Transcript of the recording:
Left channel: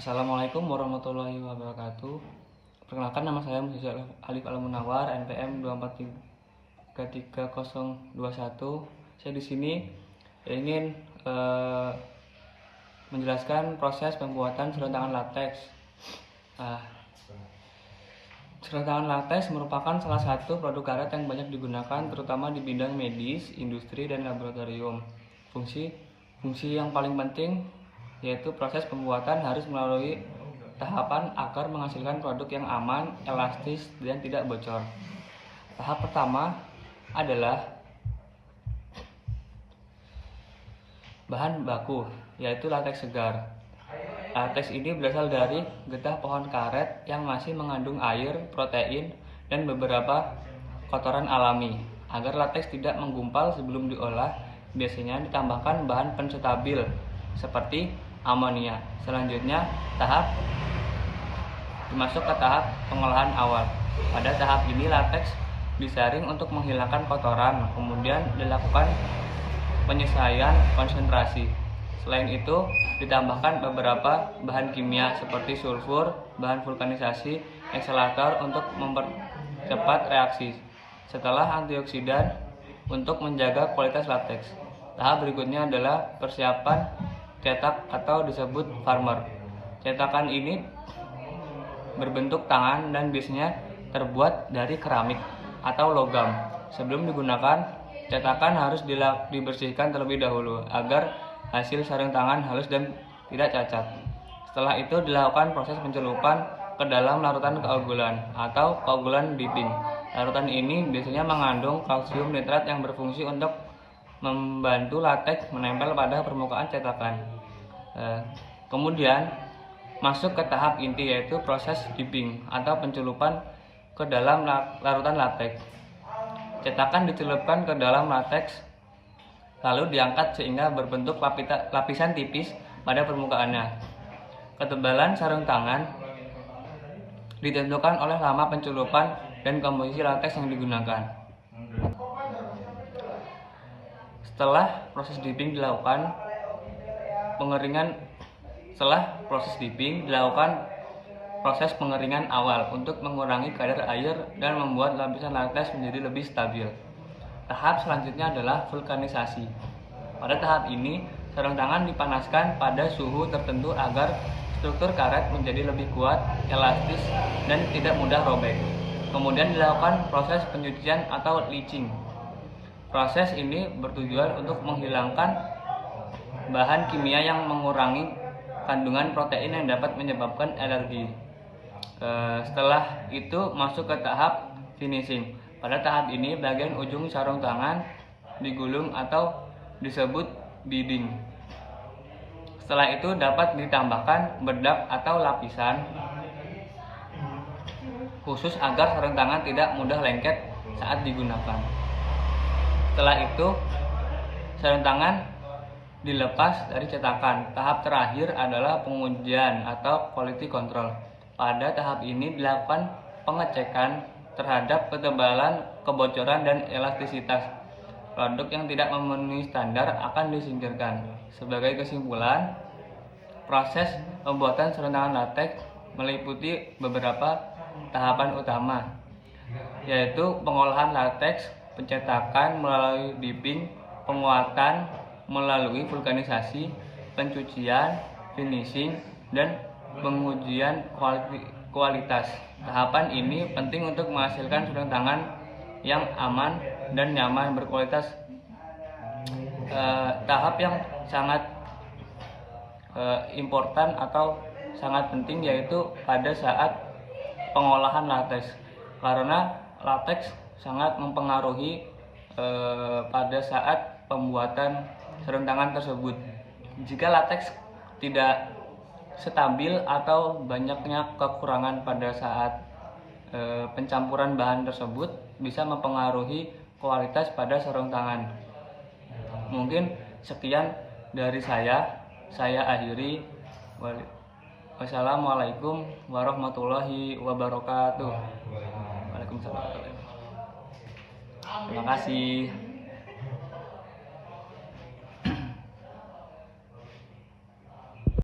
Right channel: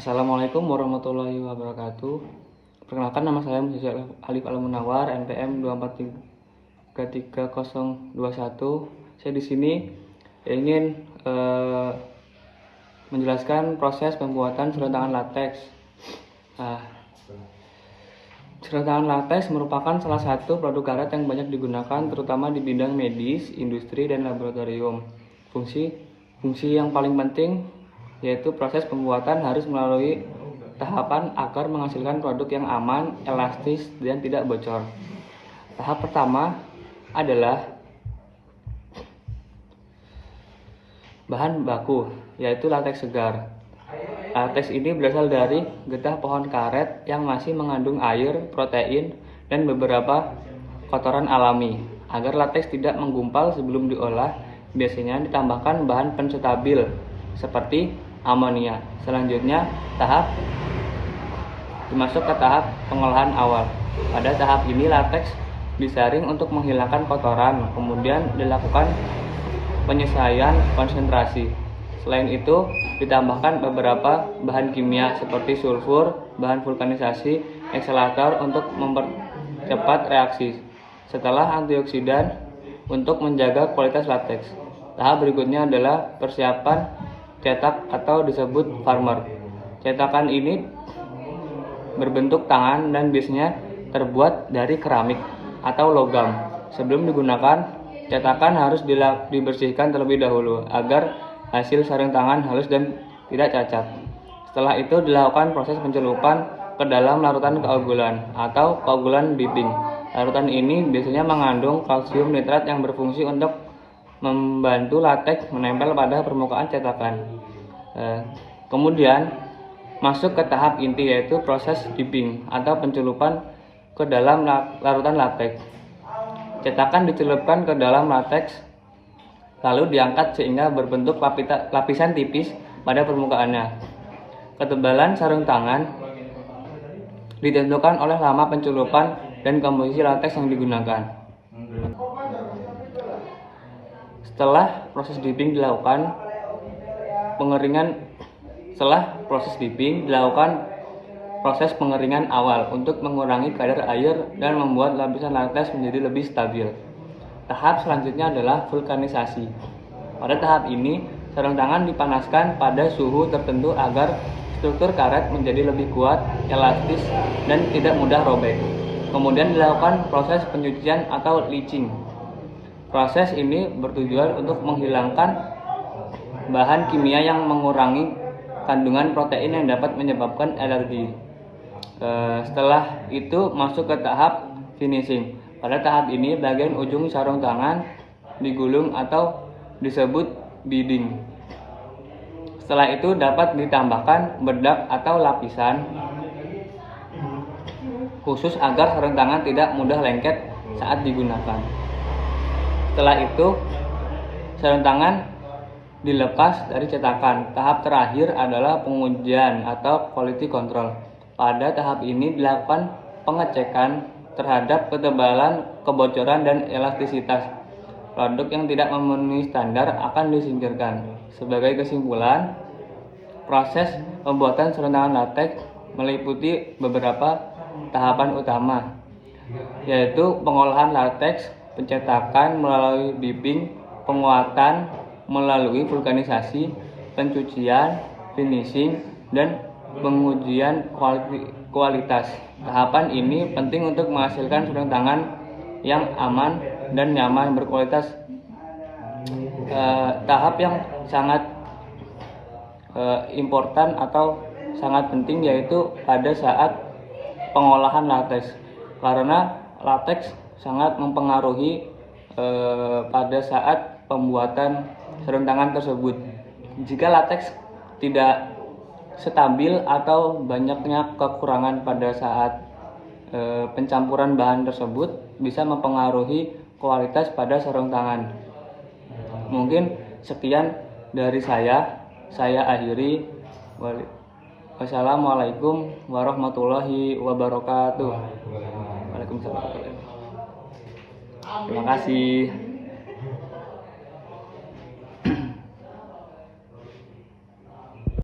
Assalamualaikum warahmatullahi wabarakatuh. Perkenalkan, nama saya Muhammad Alif Al-Munawar, NPM 2433021. Saya di sini ingin menjelaskan proses pembuatan sarung tangan lateks. Sarung tangan lateks merupakan salah satu produk karet yang banyak digunakan terutama di bidang medis, industri, dan laboratorium. Fungsi yang paling penting yaitu proses pembuatan harus melalui tahapan agar menghasilkan produk yang aman, elastis, dan tidak bocor. Tahap pertama adalah bahan baku, yaitu lateks segar. Lateks ini berasal dari getah pohon karet yang masih mengandung air, protein, dan beberapa kotoran alami. Agar lateks tidak menggumpal sebelum diolah, biasanya ditambahkan bahan penstabil seperti amonia. Selanjutnya masuk ke tahap pengolahan awal. Pada tahap ini lateks disaring untuk menghilangkan kotoran, kemudian dilakukan penyesuaian konsentrasi. Selain itu ditambahkan beberapa bahan kimia seperti sulfur, bahan vulkanisasi, ekselator untuk mempercepat reaksi, setelah antioksidan untuk menjaga kualitas lateks. Tahap berikutnya adalah persiapan cetak atau disebut farmer. Cetakan ini berbentuk tangan dan biasanya terbuat dari keramik atau logam. Sebelum digunakan, cetakan harus dibersihkan terlebih dahulu agar hasil sarung tangan halus dan tidak cacat. Setelah itu dilakukan proses pencelupan ke dalam larutan keogulan atau coagulant dipping. Larutan ini biasanya mengandung kalsium nitrat yang berfungsi untuk membantu lateks menempel pada permukaan cetakan. Kemudian masuk ke tahap inti, yaitu proses dipping atau pencelupan ke dalam larutan lateks. Cetakan dicelupkan ke dalam lateks lalu diangkat sehingga berbentuk lapisan tipis pada permukaannya. Ketebalan sarung tangan ditentukan oleh lama pencelupan dan komposisi lateks yang digunakan. Setelah proses dipping dilakukan proses pengeringan awal untuk mengurangi kadar air dan membuat lapisan lateks menjadi lebih stabil. Tahap selanjutnya adalah vulkanisasi. Pada tahap ini, sarung tangan dipanaskan pada suhu tertentu agar struktur karet menjadi lebih kuat, elastis, dan tidak mudah robek. Kemudian dilakukan proses pencucian atau leaching. Proses ini bertujuan untuk menghilangkan bahan kimia yang mengurangi kandungan protein yang dapat menyebabkan alergi. Setelah itu masuk ke tahap finishing. Pada tahap ini bagian ujung sarung tangan digulung atau disebut bidding. Setelah itu dapat ditambahkan bedak atau lapisan khusus agar sarung tangan tidak mudah lengket saat digunakan. Setelah itu sarung tangan dilepas dari cetakan. Tahap terakhir adalah pengujian atau quality control. Pada tahap ini dilakukan pengecekan terhadap ketebalan, kebocoran, dan elastisitas. Produk yang tidak memenuhi standar akan disingkirkan. Sebagai kesimpulan, proses pembuatan sarung tangan lateks meliputi beberapa tahapan utama, yaitu pengolahan lateks, pencetakan melalui dipping, penguatan melalui vulkanisasi, pencucian, finishing, dan pengujian kualitas. Tahapan ini penting untuk menghasilkan sarung tangan yang aman dan nyaman berkualitas. Tahap yang sangat important atau sangat penting yaitu pada saat pengolahan lateks, karena lateks sangat mempengaruhi pada saat pembuatan sarung tangan tersebut. Jika lateks tidak stabil atau banyaknya kekurangan pada saat pencampuran bahan tersebut, bisa mempengaruhi kualitas pada sarung tangan. Mungkin sekian dari saya akhiri. Wassalamualaikum warahmatullahi wabarakatuh. Waalaikumsalam. Terima kasih.